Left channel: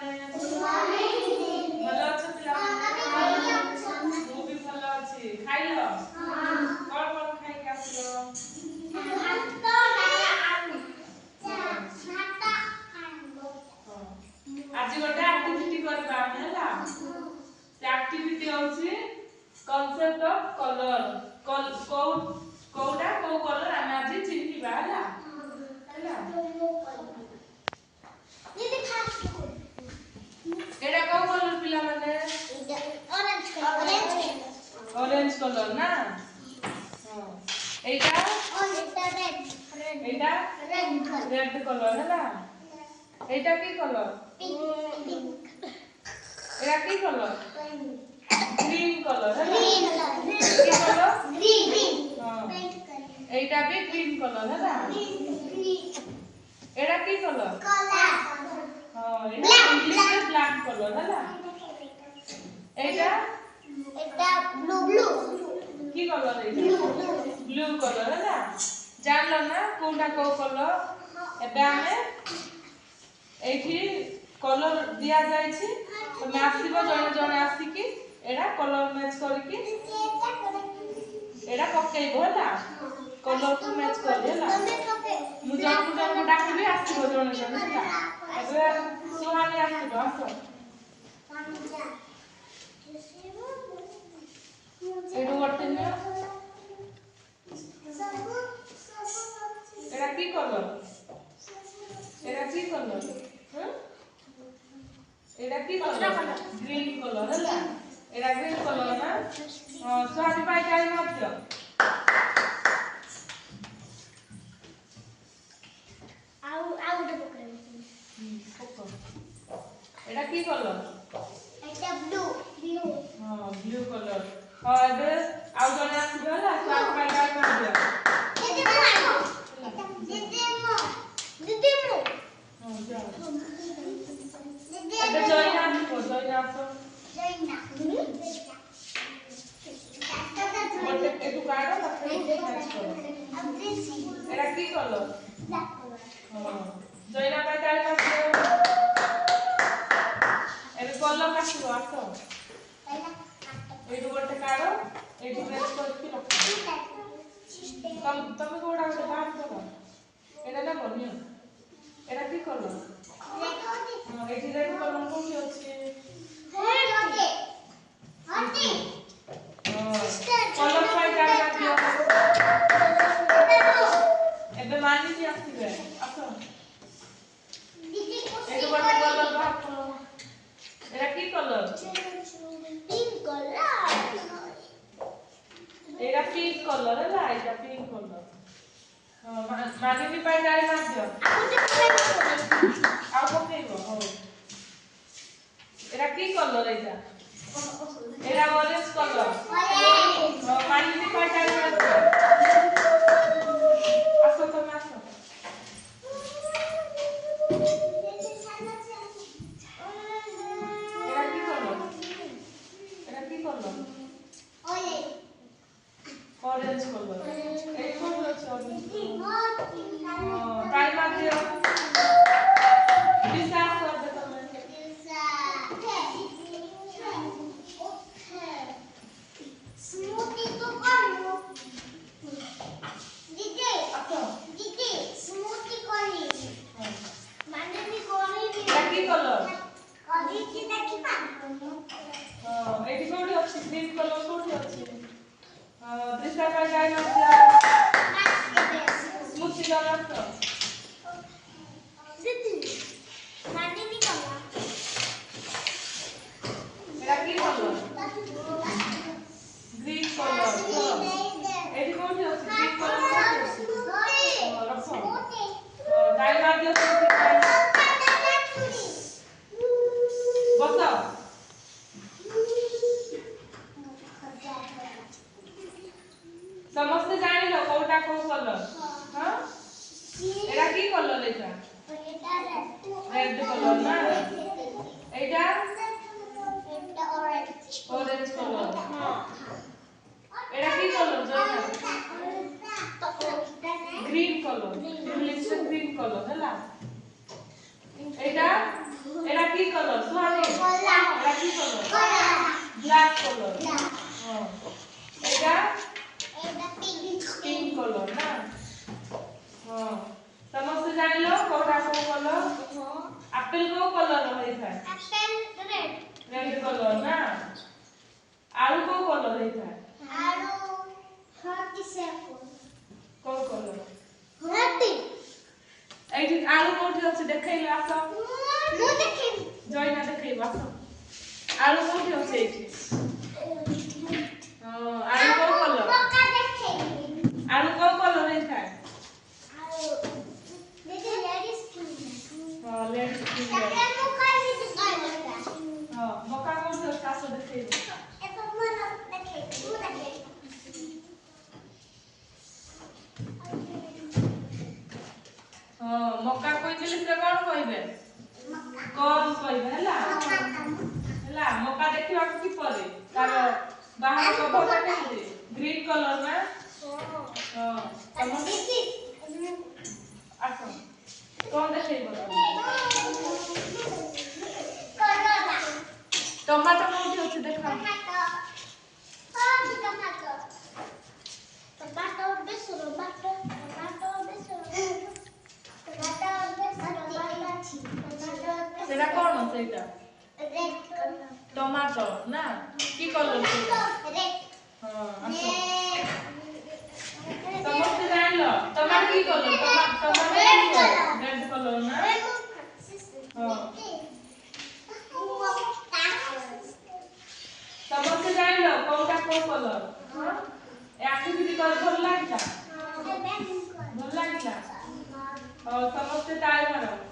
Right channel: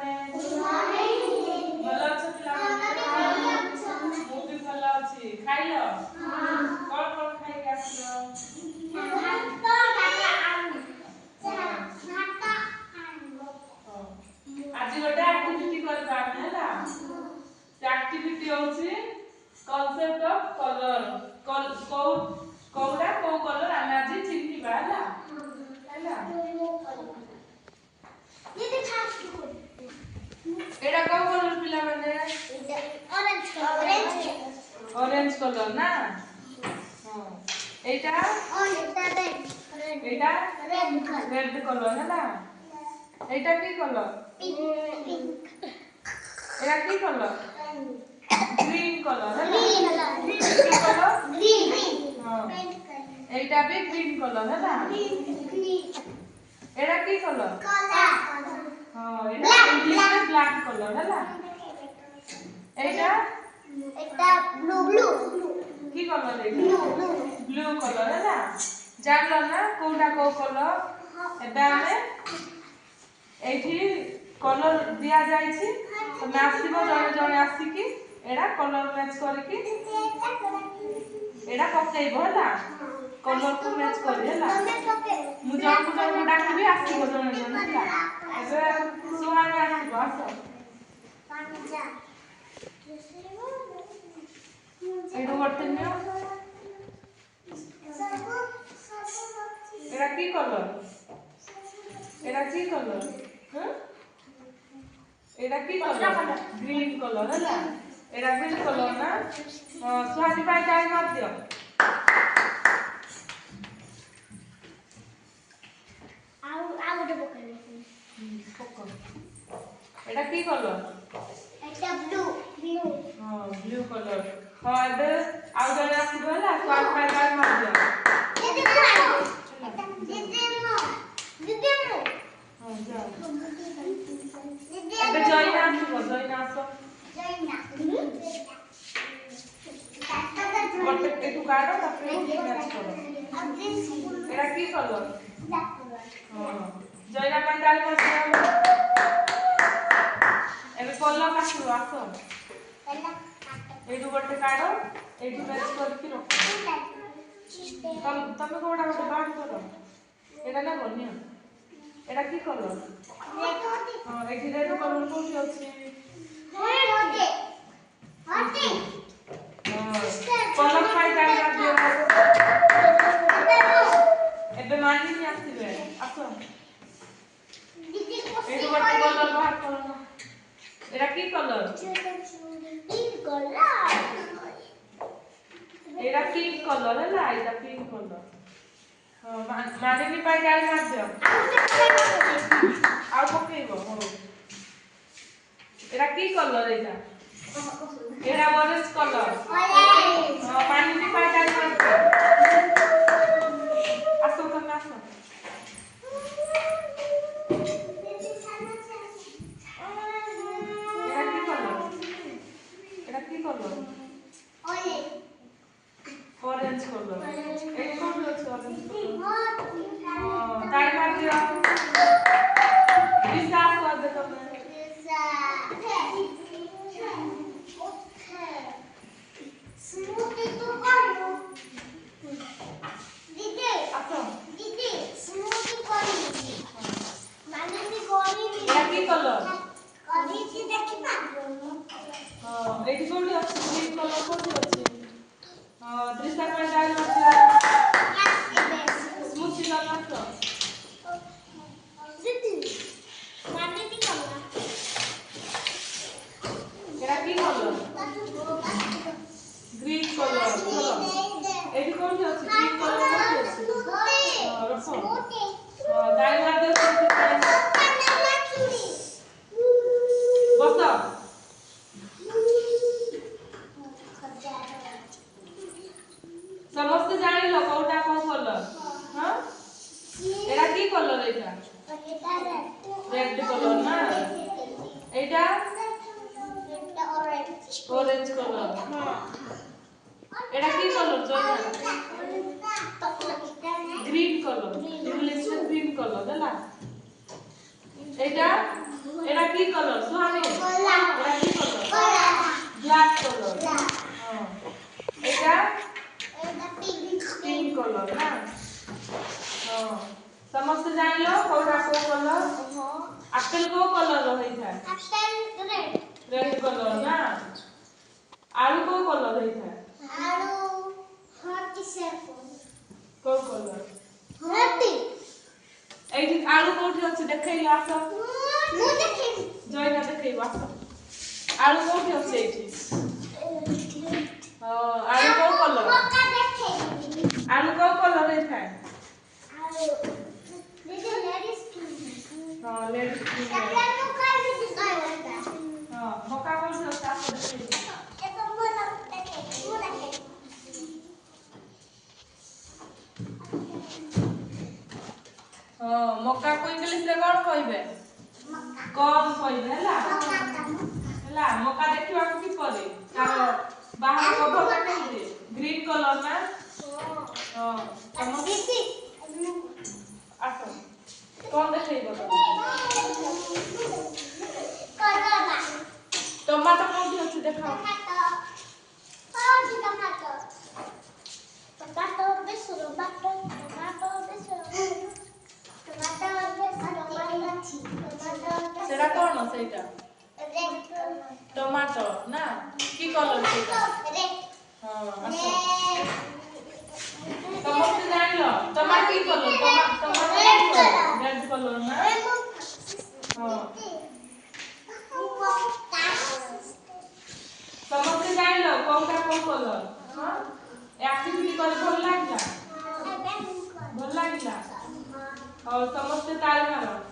ପିଲାମାନେ ଭଲ ଅଛ ପିଲାମାନେ ମୁଁ ବି ଭଲ ଅଛି ଖାଇଲ କଣ କଣ ଖାଇକି ଆସିଲ आज गोटे एक्टिविटी करबा हैला से एक्टिविटी होची कांसेप्ट ऑफ कलर कोडा को कलर हम आज चिन्हिबा हैला हैला ये फास्ट एडा को कलर पिला माने ऑरेंज कलर ना हां एटा रेड कलर हैला एटा की कलर एटा की कलर ग्रीन कलर है की कलर ग्रीन हां एटा भी ग्रीन कलर है ना एटा की कलर हां एटा इंग्लिश में ब्लैक कलर है ना एटा ब्लू की कलर एटा ब्लू कलर है ना जानलो ना कोटा को कलर एबे हमें एठी कलर दिया जाय छी तो मैं आसीबो जणे जणे आसी की एडा कलर मैच करी की एडा पकेइबो होला कलर को मैच करी होला मु जणकु जणकु डाकिबी आसीबो जणे जणे होला एबे सुहानी आसीबो आसो एडो गटे नियो एडा की कलर एडा की कलर एडा की कलर ग्रीन कलर हैला एडा ग्रीन कलर ना स्वाति पाई काई मार दियो आ गोटे पकड़ एडा की कलर एटा ब्लू हां ब्लू कलर हां एबे आउ जने आसीबो हैला स्वाति पाई काई मार दियो दीदी मो हां जा एबे जयना आसो गोटे एटू काढो तापर मैच करो एडा की कलर हां जयना पाई ताली मार दियो एबे कलर काटिबो आसो एटू गोटे काढो एटू मैच करके रखो तमे कोडा गोटे बाहर करो एडा ना बनियो एडा की कलर हां एठी रेड कलर कोठी अछि कलर पाई जाय ना दियो एबे मानी नि आसीबे आसो दीदी को एटू गोटे कलर बाहर करो एडा की कलर पिंक कलर एडा पिंक कलर हैला एडा पिंक कलर हां मानी नि पाई जाय मार दियो आउ पकेइबो हो एडा की कलर एटा एडा ऑरेंज कलर हां पानी नि पाई जाय मार दियो आसो तमे आसो एडा की कलर ऑरेंज कलर एक कोन अछि ऑरेंज हां ताई मार दियो विश्वास कर दे तमे स्मूथी तो करो दीदी आसो दीदी स्मूथी करी माने भी करी एडा की कलर करी की देखि पाबो हां एठी कोठी अछि ग्रीन कलर कोठी अछि हां दृश्य पाई जाय न स्मूथी लगातो दीदी माने भी कलर एडा की कलर ग्रीन कलर एठी कोठी अछि ग्रीन कलर कोठी अछि हां रखो हां दाई मार दियो बस समस्त जानिलो कोटा को कलर हां एडा की कलर एटा रेड कलर ना एटा ऑरेंज कलर हां एडा की colour Jayna green colour English में ग्रीन कलर हैला एटा एडा की कलर सुहानी एटा की कलर ब्लैक कलर हां एटा पिंक कलर ना हां समस्त जान लो कोडा को कलर एप्पल को कलर रही था एप्पल रेड कलर ना आलू को कलर रही था आलू हॉट सेफोन को कलर हॉट एठी आलू कोठी अछि देखैले आसो मु देखिबी जयना देखैबा आसो आलू कोठी अछि एठी हां आलू को कलर मक्का देखैबी आलू को कलर रही था आलू देखि लेडीज की हां लेडीज की एकरा मु खाइ भी दिखाइबा हां मक्का कोठी अछि आसो देखैबा एतो मोला देखैबी मु देखैबी हां मक्का को इंग्लिश रे कोन कहबे कॉर्न कहबे हला हला मक्का देखिबा कि परे तार बाहर कवर देखै ग्रीन कलर ना हां समझ आसो कोन देखैबो करोना टमाटर कोठी अछि देखा टमाटो बेसरो टमाटो बेसरो सेटा कोन सेटा टमाटर ना की कलर सेटा हां आसो समस्त जान लो टमाटर की कलर टमाटर रेड कलर ना हां समस्त जान लो कोटा को कलर हां एक्टिविटी कर भल लागला भल लागला और समस्त ताली मारो